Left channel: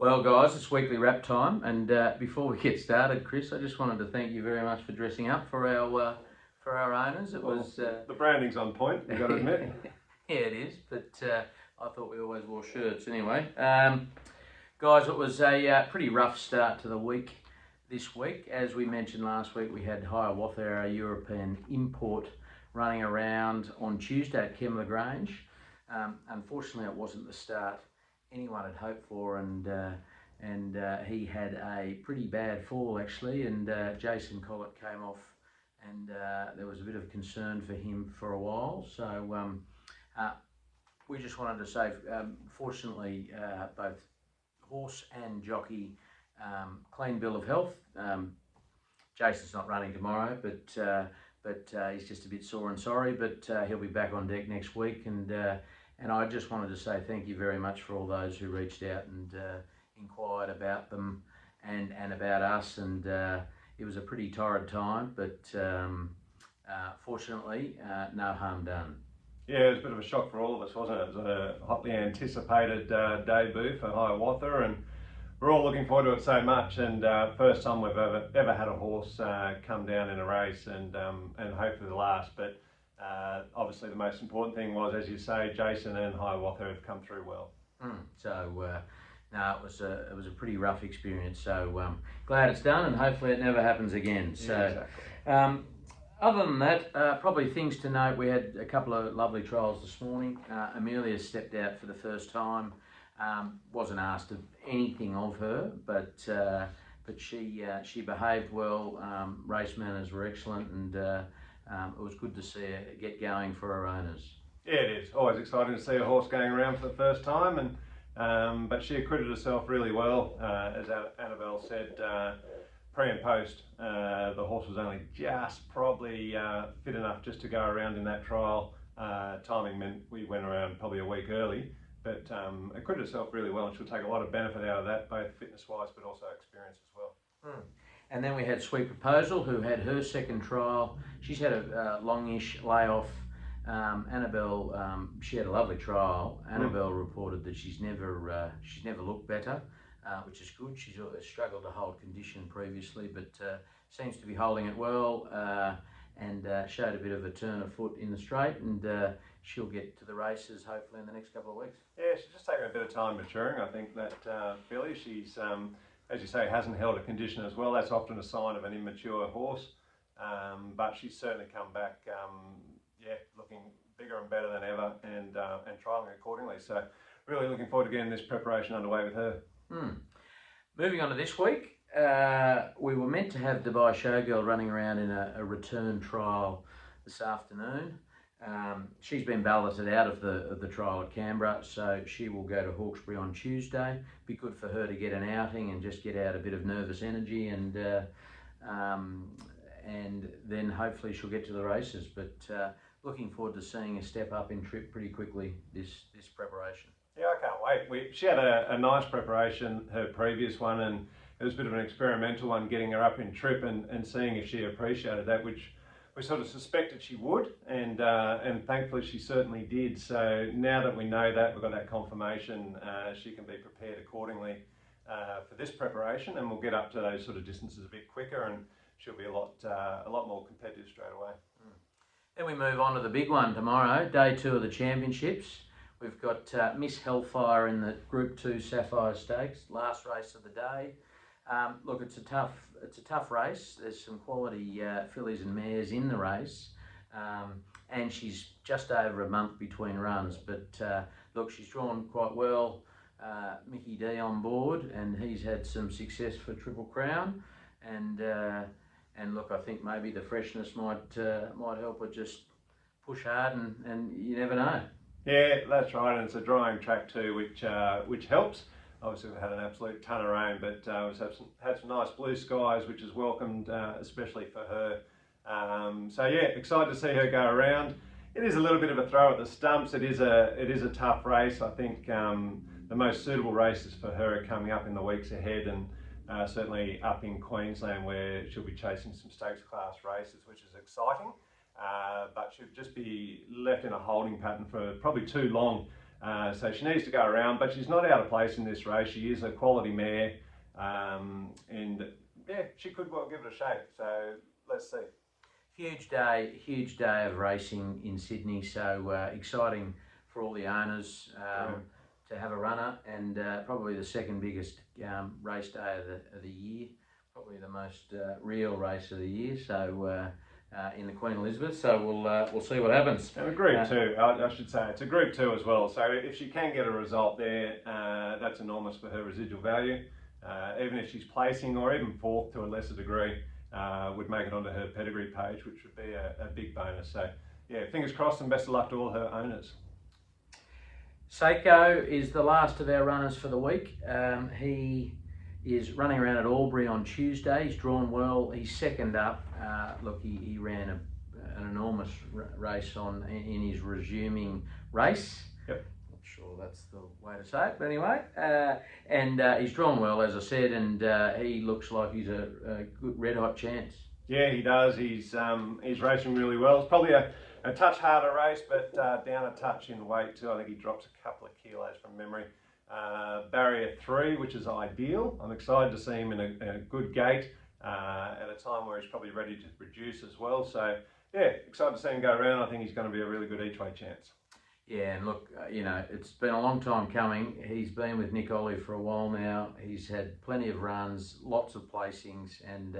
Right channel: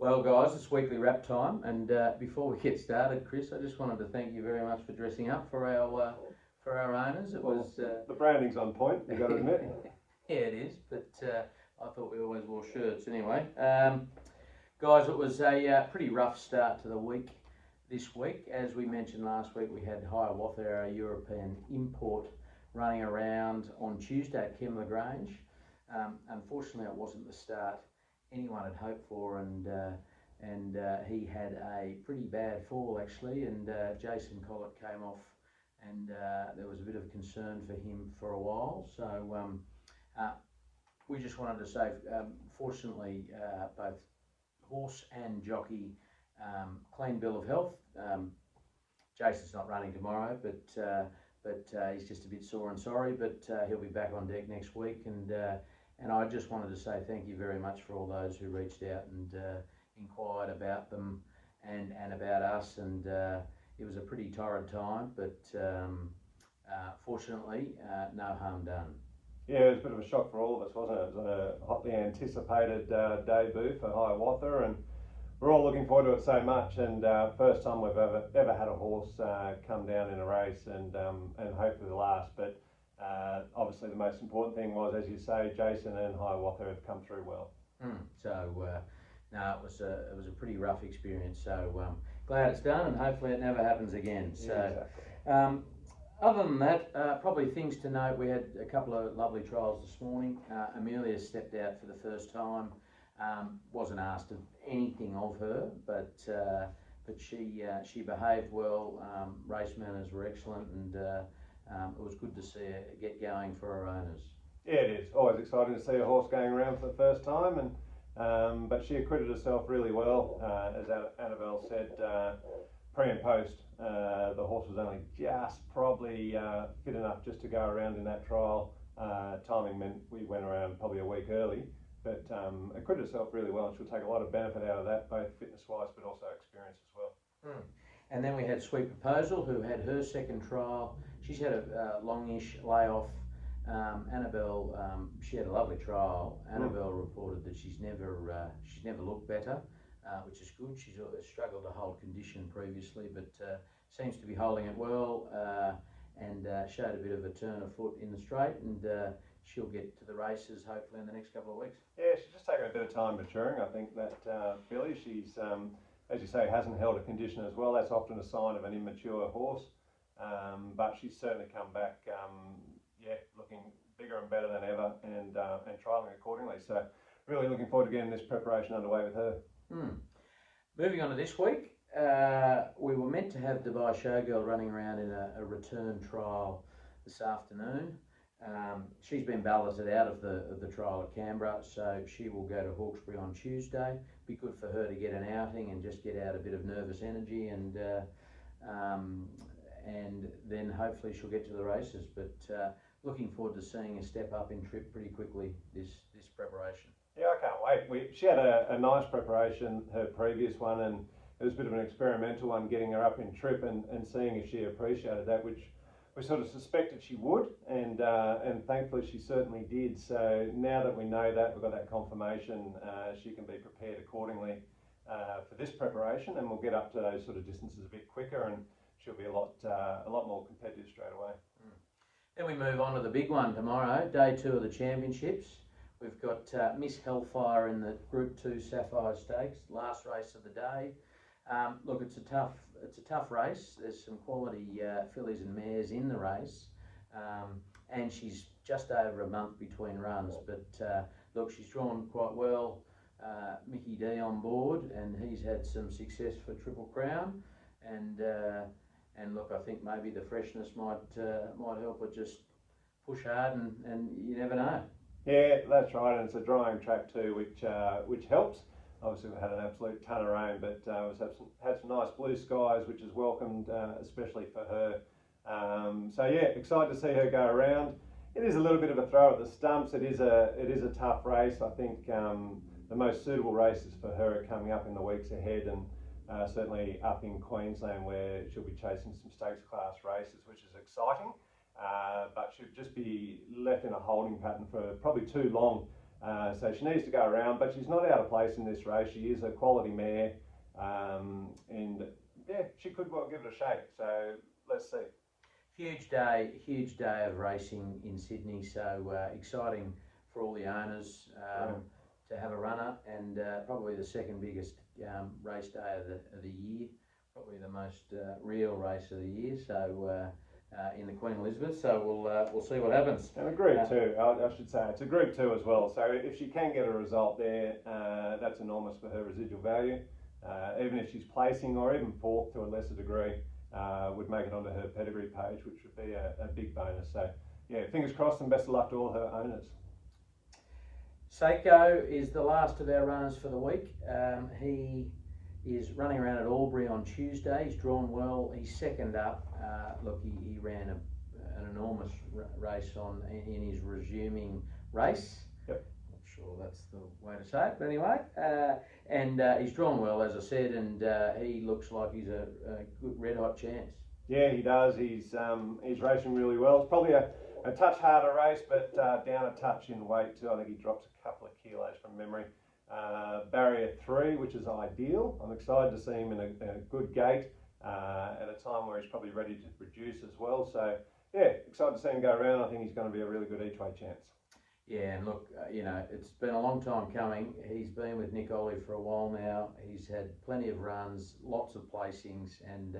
Well, guys, it's weekly wrap time, and before we get started, Chris, I just wanted to thank you very much for dressing up for our owners. It was The branding's on point, you've got to admit. yeah, it is, but I thought we always wore shirts anyway. Guys, it was a pretty rough start to the week this week. As we mentioned last week, we had Hiawatha, our European import, running around on Tuesday at Kembla Grange. Unfortunately, it wasn't the start anyone had hoped for, and he had a pretty bad fall actually, and Jason Collett came off, and there was a bit of concern for him for a while. So uh, we just wanted to say, fortunately, both horse and jockey clean bill of health. Jason's not running tomorrow, but he's just a bit sore and sorry, but he'll be back on deck next week, and I just wanted to say thank you very much for all those who reached out and inquired about them and about us, and it was a pretty torrid time, but fortunately no harm done. Yeah, it was a bit of a shock for all of us, wasn't it? It was a hotly anticipated debut for Hiawatha, and we're all looking forward to it so much. And first time we've ever had a horse come down in a race, and hopefully the last. But obviously the most important thing was, as you say, Jason and Hiawatha have come through well. So no, it was a pretty rough experience. So glad it's done, and hopefully it never happens again. So. Yeah, exactly. Other than that, probably things to note, we had a couple of lovely trials this morning. Amelia stepped out for the first time. Wasn't asked of anything of her, but she behaved well. Race manners were excellent, and it was good to see her get going for her owners. Yeah, it is. Always exciting to see a horse going around for the first time, and but she acquitted herself really well, as Annabelle said. Pre and post, the horse was only just probably fit enough just to go around in that trial. Timing meant we went around probably a week early, but acquitted herself really well, and she'll take a lot of benefit out of that, both fitness-wise but also experience as well. And then we had Sweet Proposal, who had her second trial. She's had a longish layoff. Annabelle, she had a lovely trial. Annabelle reported that she's never looked better. Which is good. She's struggled to hold condition previously, but seems to be holding it well, and showed a bit of a turn of foot in the straight, and she'll get to the races hopefully in the next couple of weeks. Yeah, she's just taken a bit of time maturing. I think that filly, she's, as you say, hasn't held a condition as well. That's often a sign of an immature horse, but she's certainly come back, looking bigger and better than ever, and trialling accordingly. So really looking forward to getting this preparation underway with her. Moving on to this week, we were meant to have Dubai Showgirl running around in a return trial this afternoon. She's been balloted out of the trial at Canberra, so she will go to Hawkesbury on Tuesday. Be good for her to get an outing and just get out a bit of nervous energy, and then hopefully she'll get to the races. But looking forward to seeing her step up in trip pretty quickly this preparation. Yeah, I can't wait. She had a nice preparation, her previous one, and it was a bit of an experimental one, getting her up in trip and seeing if she appreciated that, which we sort of suspected she would, and thankfully she certainly did. So now that we know that, we've got that confirmation, she can be prepared accordingly for this preparation, and we'll get up to those sort of distances a bit quicker, and she'll be a lot more competitive straight away. Then we move on to the big one tomorrow, day 2 of the championships. We've got Miss Hellfire in the Group 2 Sapphire Stakes, last race of the day. Look, it's a tough race. There's some quality fillies and mares in the race, and she's just over a month between runs. But look, she's drawn quite well. Mickey D on board, and he's had some success for Triple Crown, and look, I think maybe the freshness might help her just push hard, and you never know. Yeah, that's right, and it's a drying track too, which helps. Obviously, we've had an absolute ton of rain, but we've had some nice blue skies, which is welcomed, especially for her. So yeah, excited to see her go around. It is a little bit of a throw at the stumps. It is a tough race. I think the most suitable races for her are coming up in the weeks ahead, and certainly up in Queensland, where she'll be chasing some stakes class races, which is exciting. But she'll just be left in a holding pattern for probably too long So she needs to go around, but she's not out of place in this race. She is a quality mare, and yeah, she could well give it a shake. So let's see. Huge day of racing in Sydney. So exciting for all the owners to have a runner, and probably the second biggest race day of the year. Probably the most real race of the year. So in the Queen Elizabeth. So we'll see what happens. And a Group 2, I should say, it's a Group 2 as well. So if she can get a result there, that's enormous for her residual value. Even if she's placing or even fourth to a lesser degree, would make it onto her pedigree page, which would be a big bonus. So yeah, fingers crossed and best of luck to all her owners. Seiko is the last of our runners for the week. He is running around at Albury on Tuesday. He's drawn well. He's second up. Look, he ran an enormous race in his resuming race. Yep. Not sure that's the way to say it, but anyway. And he's drawn well, as I said, and he looks like he's a good red-hot chance. Yeah, he does. He's racing really well. It's probably a touch harder race, but down a touch in weight too. I think he drops a couple of kilos from memory. Barrier 3, which is ideal. I'm excited to see him in a good gait at a time where he's probably ready to reduce as well. So yeah, excited to see him go around. I think he's going to be a really good each way chance. Yeah, and look, you know, it's been a long time coming. He's been with Nick Ollie for a while now. He's had plenty of runs, lots of placings, and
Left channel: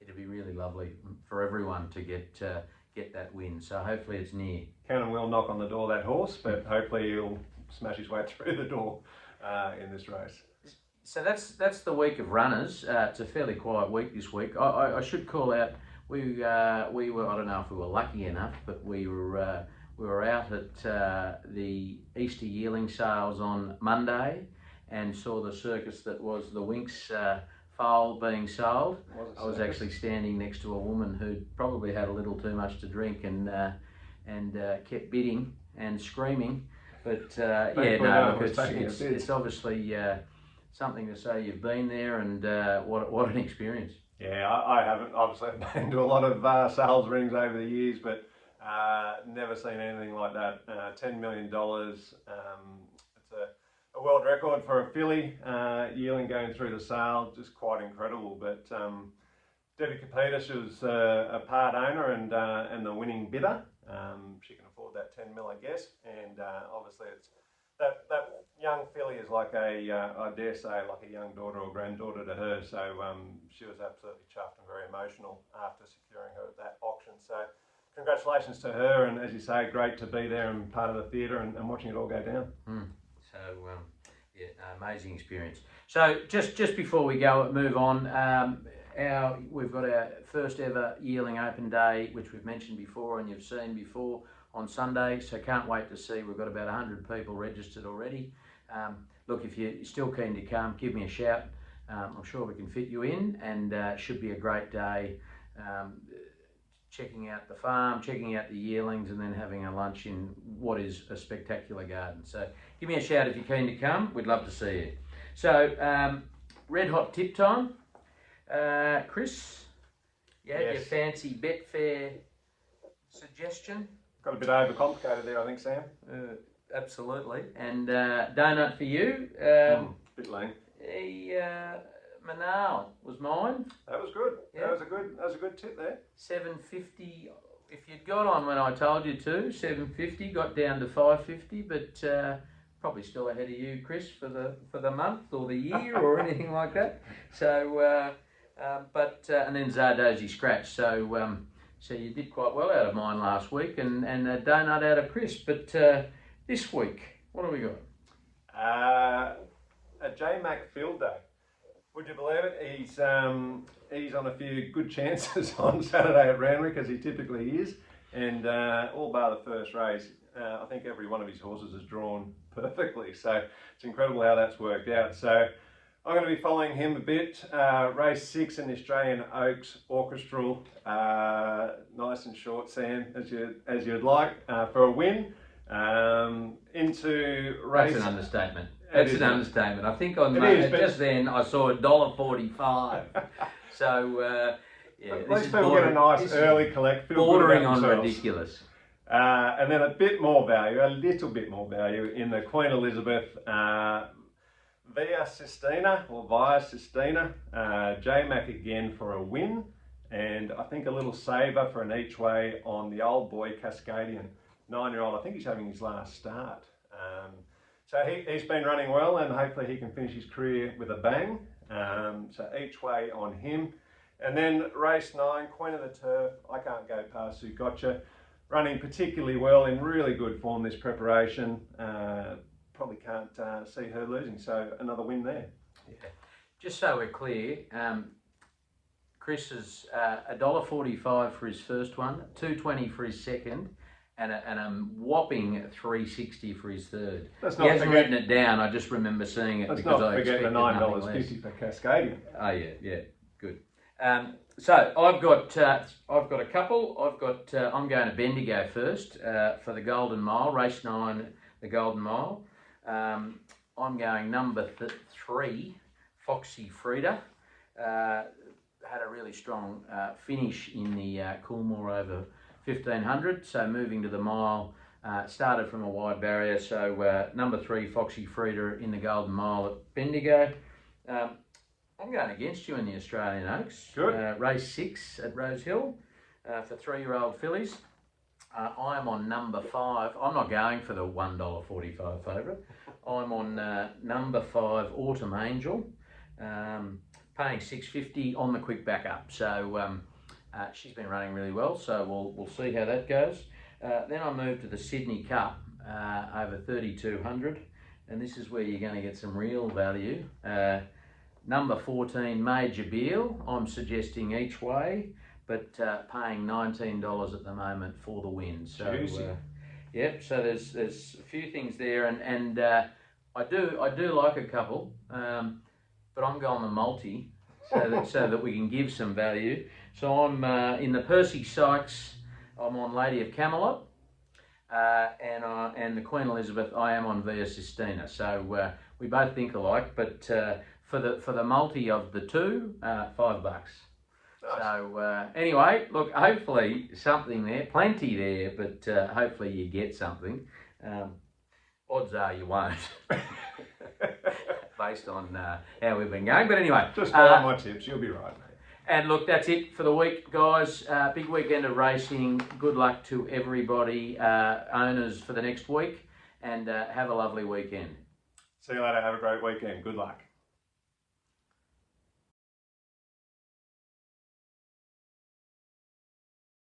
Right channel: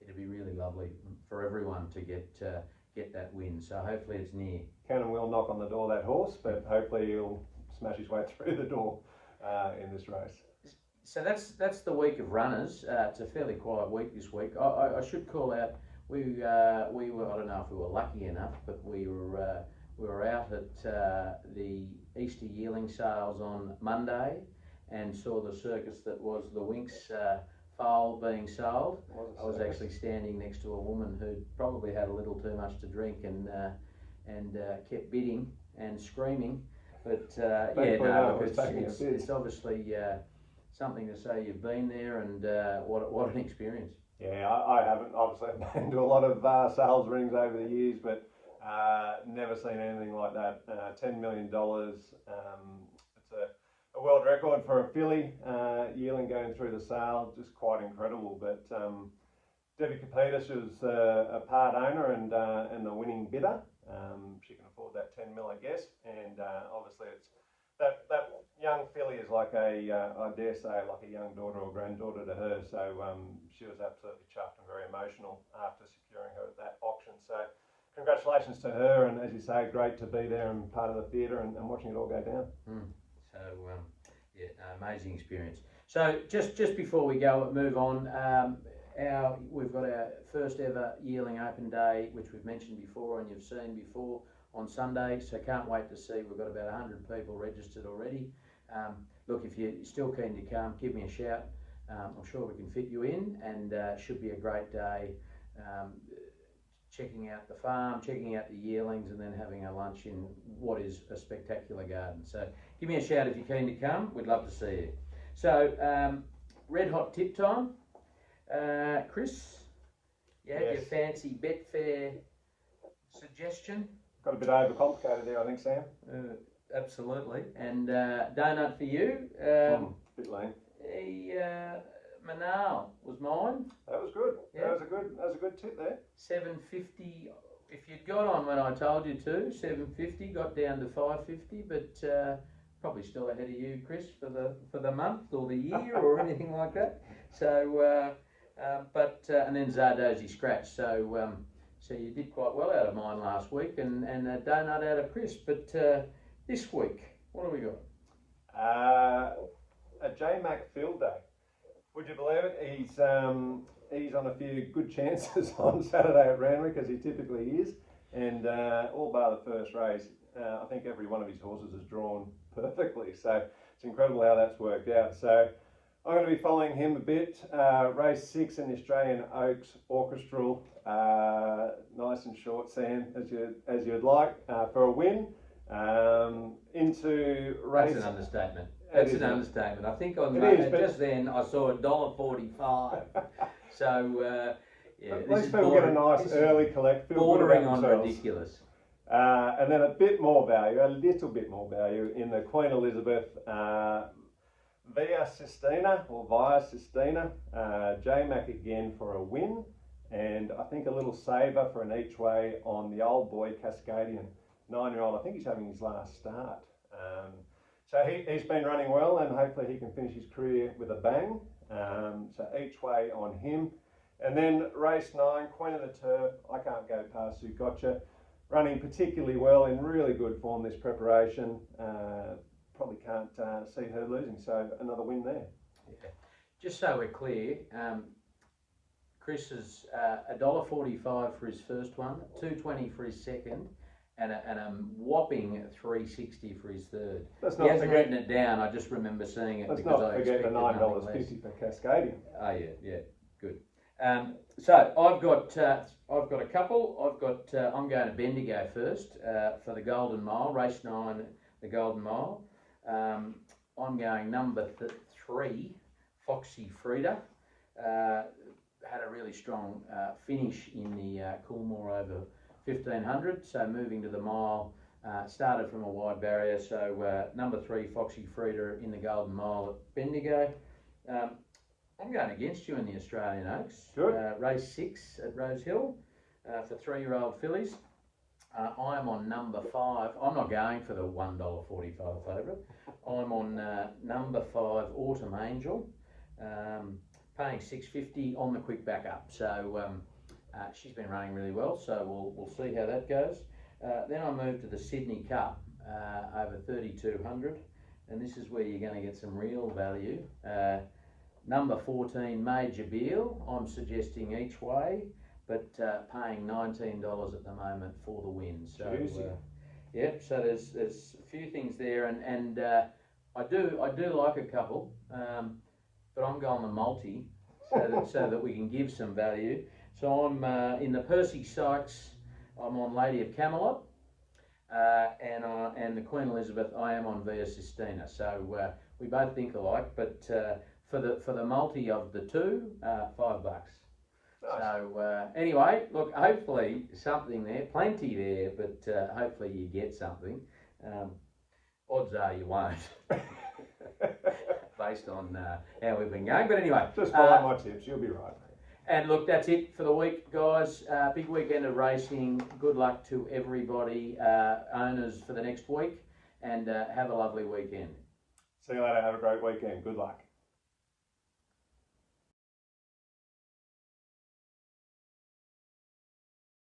it'd be really lovely for everyone to get that win. So hopefully it's near. Can and will knock on the door, that horse, but hopefully he'll smash his way through the door in this race. So that's the week of runners. It's a fairly quiet week this week. I should call out, we were, I don't know if we were lucky enough, but we were out at the Easter yearling sales on Monday and saw the circus that was the Winx foal being sold. I was actually standing next to a woman who probably had a little too much to drink and kept bidding and screaming. But yeah, no, it's obviously something to say you've been there, and what an experience. Yeah, I haven't. Obviously, I've been to a lot of sales rings over the years, but never seen anything like that. $10 million. It's a world record for a filly yearling going through the sale. Just quite incredible. But Debbie Capita, she was a part owner and the winning bidder. She can afford that 10 mil, I guess. And obviously, it's that young filly is like I dare say, like a young daughter or granddaughter to her. So she was absolutely chuffed and very emotional after securing her at that auction. So congratulations to her, and as you say, great to be there and part of the theatre and watching it all go down. So yeah, amazing experience. So just before we move on, we've got our first ever yearling open day, which we've mentioned before and you've seen before, on Sunday. So can't wait to see. We've got about 100 people registered already. Look, if you're still keen to come, give me a shout. I'm sure we can fit you in, and it should be a great day. Checking out the farm, checking out the yearlings, and then having a lunch in what is a spectacular garden. So give me a shout if you're keen to come. We'd love to see you. So red hot tip time. Chris, you had your fancy Betfair suggestion. Got a bit overcomplicated there, I think, Sam. Absolutely. And donut for you. Bit lame. Manal was mine. That was good. Yeah. That was a good tip there. 750. If you'd got on when I told you to, 750 got down to 550, but probably still ahead of you, Chris, for the month or the year or anything like that. So, and then Zardozi scratch. So, so you did quite well out of mine last week, and a donut out of Chris. But this week, what have we got? A J Mac Field Day. Would you believe it? He's on a few good chances on Saturday at Randwick, as he typically is, and all bar the first race, I think every one of his horses is drawn perfectly. So it's incredible how that's worked out. So I'm going to be following him a bit. Race 6 in the Australian Oaks Orchestral, nice and short, Sam, as you'd like, for a win. Into race. That's an understatement. That's an understatement. I think on just then I saw $1.45. So yeah, at least people get a nice early collect. Bordering on ridiculous. And then a bit more value, a little bit more value in the Queen Elizabeth Via Sistina. J-Mac again for a win, and I think a little saver for an each way on the old boy Cascadian 9-year-old. I think he's having his last start. So he's been running well, and hopefully he can finish his career with a bang. So each way on him. And then race 9, Queen of the Turf. I can't go past Zougotcha. Running particularly well, in really good form this preparation. Probably can't see her losing, so another win there. Yeah. Just so we're clear, Chris is $1.45 for his first one, $2.20 for his second, and a whopping $3.60 for his third. He hasn't written it down. I just remember seeing it. Let's not forget the $9.50 for Cascadian. Oh yeah, good. So I've got a couple. I'm going to Bendigo first for the Golden Mile, race 9, the Golden Mile. I'm going number 3, Foxy Frida. Had a really strong finish in the Coolmore over 1500, so moving to the mile, started from a wide barrier, so number 3, Foxy Frida in the Golden Mile at Bendigo. I'm going against you in the Australian Oaks. Good. Race 6 at Rosehill for 3-year-old fillies. I am on number 5. I'm not going for the $1.45 favourite. I'm on number 5, Autumn Angel, paying $6.50 on the quick backup. So she's been running really well. So we'll see how that goes. Then I move to the Sydney Cup over 3,200, and this is where you're going to get some real value. Number 14, Major Beal. I'm suggesting each way, but paying $19 at the moment for the win. So, yep. So there's a few things there, and I do like a couple, but I'm going the multi, so that we can give some value. So I'm in the Percy Sykes. I'm on Lady of Camelot, and the Queen Elizabeth. I am on Via Sistina. So we both think alike, but for the multi of the two, $5. Nice. So anyway, look, hopefully something there, plenty there, but hopefully you get something. Odds are you won't, based on how we've been going. But anyway, just follow my tips, you'll be right. And look, that's it for the week, guys. Big weekend of racing. Good luck to everybody, owners, for the next week, and have a lovely weekend. See you later. Have a great weekend. Good luck.